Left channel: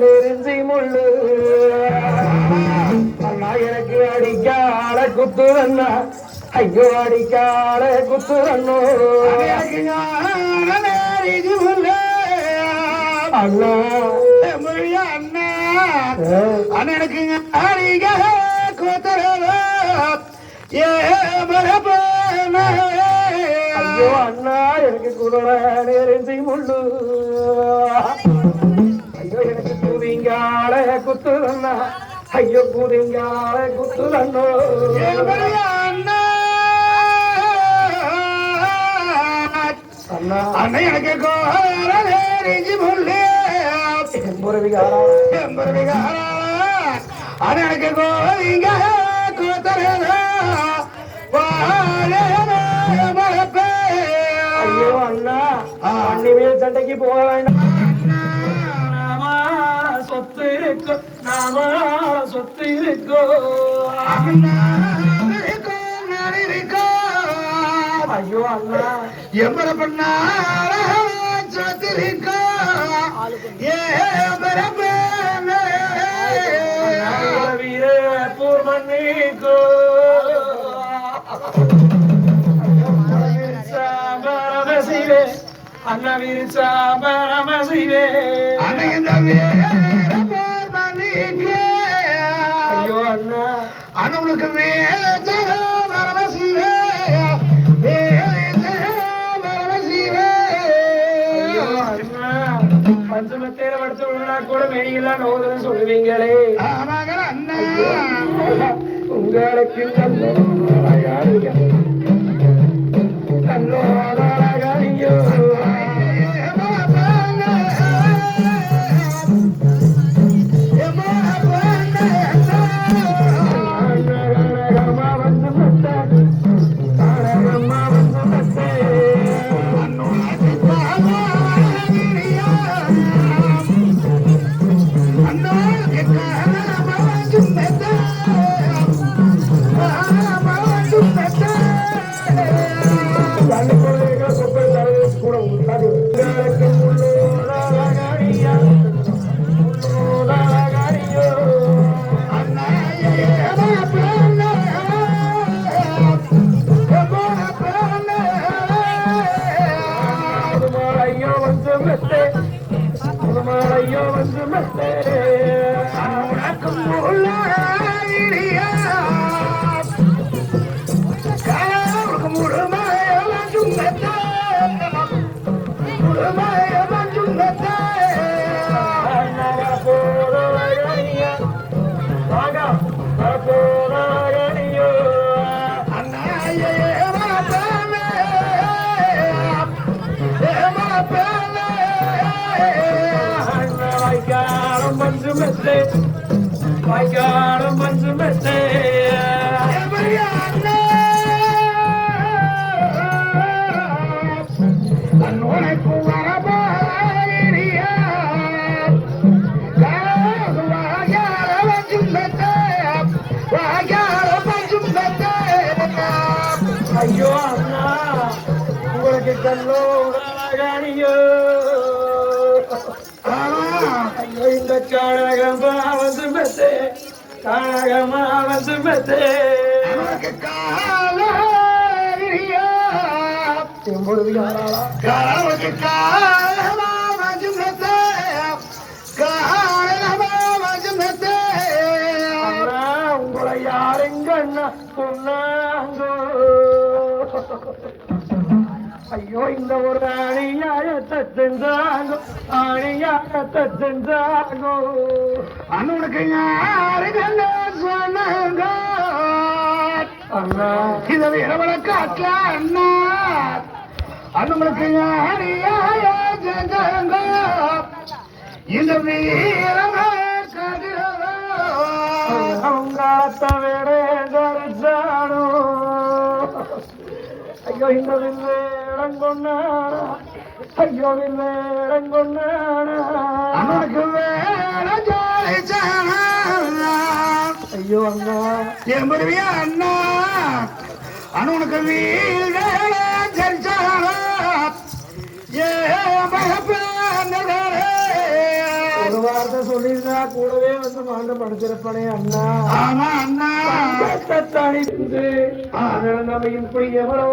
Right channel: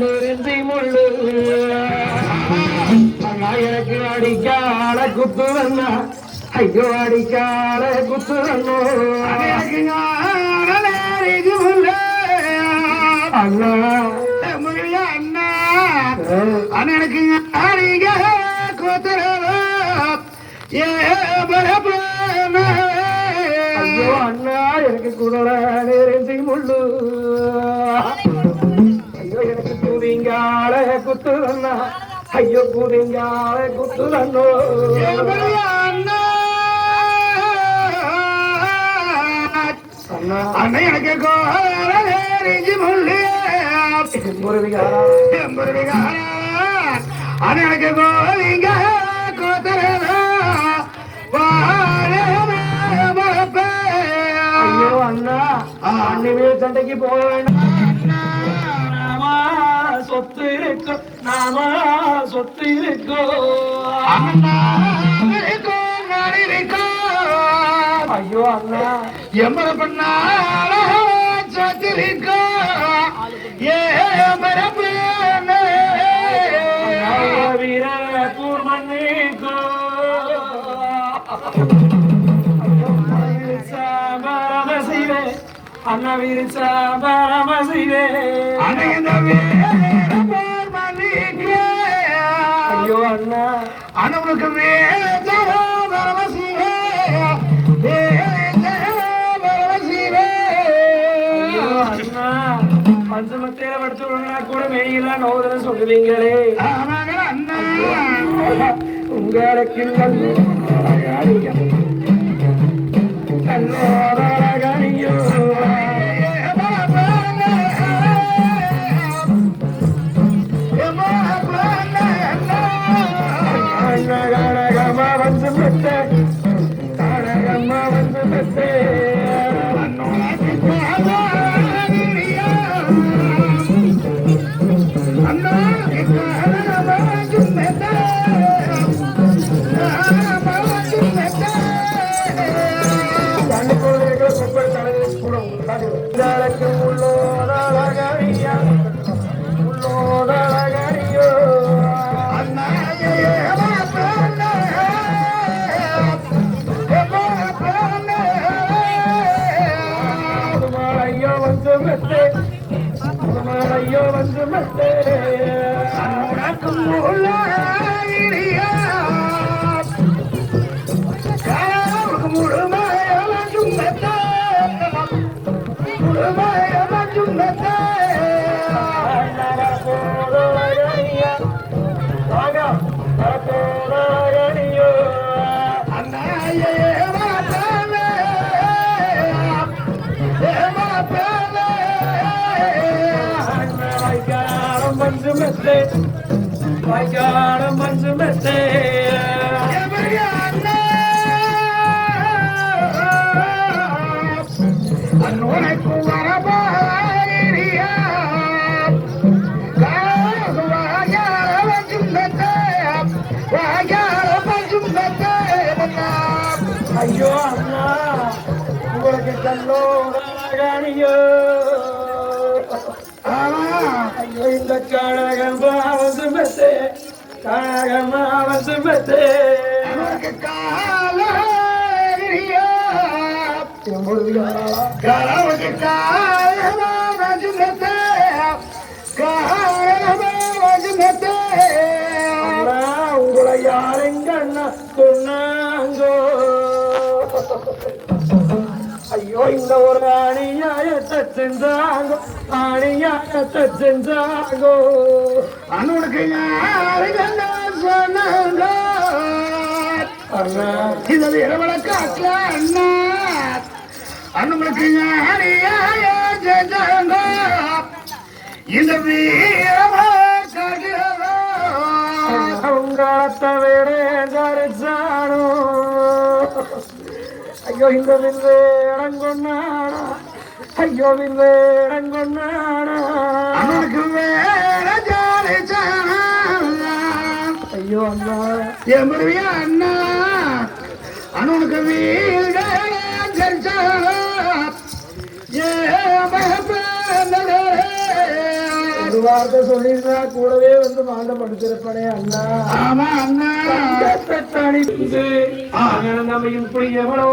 நெருந்தி முள்ளு எனக்கு அடிக்காட குத்துறண்ணா ஐயோ அடிக்காட குத்துறண்ணோ எனக்கு முள்ளு அண்ணா மொழியா அண்ணா அண்ணனுக்கு அடிக்க குத்துறதோ ஏ கூதிங்கால குத்துறண்ணா ஐயோ கூதிங்கால குத்துறண்ணோ அண்ணா எனக்கு முருவிகா முருவிகா அண்ணா எனக்கு கோவிங்க கோத்தரதா ஐயோ அண்ணா. அன்னிமேல் சண்டைக்கு போக வேண்டாம். நாமா சொத்து இருக்கோ. நாமா சொத்து இருக்கோ ஐயோ அண்ணா. எம்மல பண்ணா சொத்திருக்கோ ஏ வீர பூர்வன்னிக்கோ பரமசிவே அண்ணா விரிசா பரமசிவே ஐயோ அண்ணா. அண்ணனுக்கு அண்ணா. பஞ்சமத்தையில படிச்சவங்களா கூட மெய்யில நோதுன்னு சொல்லுவீங்களே. உங்களுக்கு ஐயோ வந்து மெத்தே வைகாரம் மஞ்சு மெத்தே அன்னுனைக்கு வரபாரியா ஐயோ அண்ணா உங்களுக்கு தன்னோடானியோ ஐயோ இந்த காழகமா வந்து மெத்தே காழகமா வந்து மெத்தே கரவுக்கு காலமா உங்களை யாருங்கண்ணா சொன்னாங்கோ ஐயோ இந்த ஒரு அணியாயத்தை செஞ்சாங்கோ அணியாயத்தை செஞ்சாங்கோ. அண்ணனுக்கு சொன்னாங்க? அண்ணா. இது இரவல காட்டல அண்ணா. அண்ணனுக்கு யாரியா ஜெஜங்க இந்த வீரமா ஐயோ இந்த ஐயோ வில்லே இறங்கொண்டானா அண்ணனுக்கு வேற ஜாலி ஐயோ அண்ணா. எம்பருவியா அண்ணா. அண்ணனுக்கு வீர சரிச்சாரா ஏ மகப்பே ஒரு வார்த்தை சொல்லியிருந்தா கூடவே வந்து மாண்டம் படிச்சிருப்பானே அண்ணா. ஆமா அண்ணா. தனிந்து நம்ம இப்படி எவ்வளோ.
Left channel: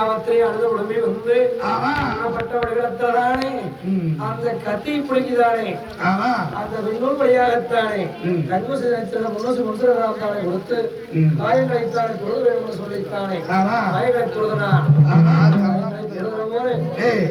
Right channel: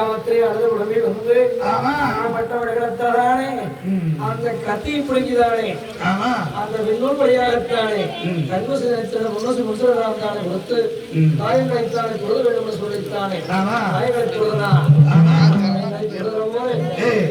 அஞ்சாமத்திலே அழுத உடனே வந்து ஆமா. ஆனப்பட்டவர்களத்தானே அந்த கத்தி பிடிக்குதானே ஆமா. அந்த விண்ணூல் படியாகத்தானே நினைத்தது முன்னசு முன்சரத்தானே கொடுத்து காயங்களைத்தானே கொடுக்க வேண்டும் என்று சொல்லித்தானே கொடுக்கிற போது ஏய்.